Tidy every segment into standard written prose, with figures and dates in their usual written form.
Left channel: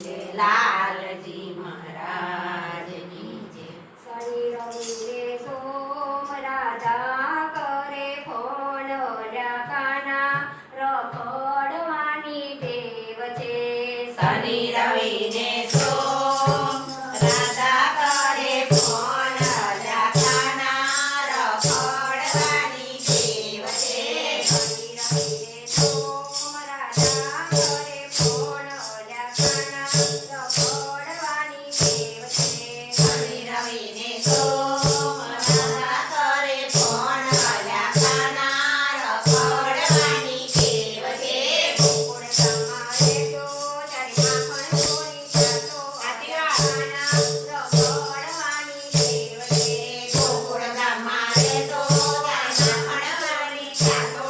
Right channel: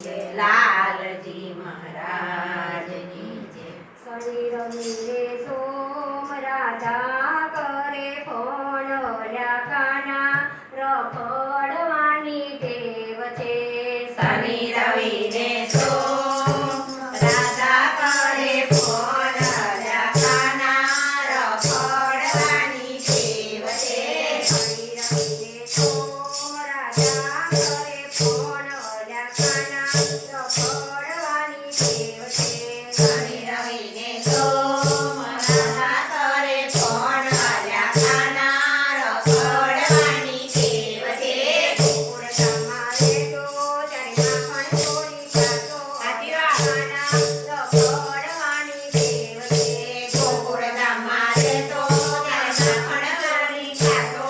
લાલજી મહારાજની જય. શનિ રવિને સોમ રાધા કરે ફોન કાના રખડવાની ટેવ છે. શનિ રવિને સોમ રાધા કરે ફોન કાના રખડવાની ટેવ છે. શનિ રવિને સોમ રાધા કરે ફોન કાના રખડવાની ટેવ છે. શનિ રવિને સોમ રાધા કરે ફોન કાના રખડવાની ટેવ છે. ગોકુળ તમારે તો ચરણા પણ છોડી જાતો કાના રખડવાની ટેવ છે. ગોકુળ ગામમાં રહેતો ત્યાંના ફણગારી ખાતો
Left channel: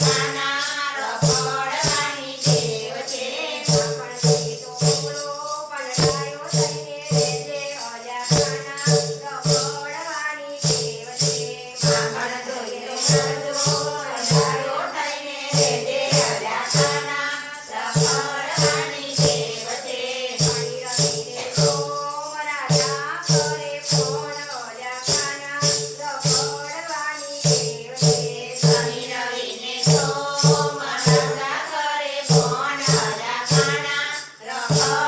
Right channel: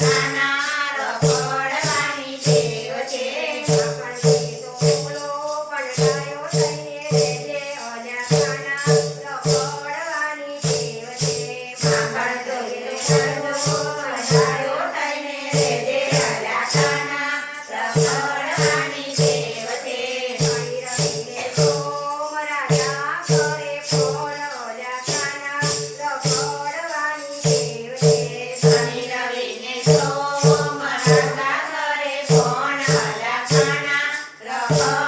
કાના રખડવાની ટેવ છે. માખણ જોઈ તો બોલો પણ ગાયો થઈને રહેજે કાના રખડવાની ટેવ છે. માખણ જોઈને કરજો ગાયો થઈને રહેજે કાના રખડવાની ટેવ છે. શનિ રવિને સોમ રાધા કરે ફોન કાના રખડવાની ટેવ છે. શનિ રવિને સોમ રાધા કરે ફોન કાના રખડવાની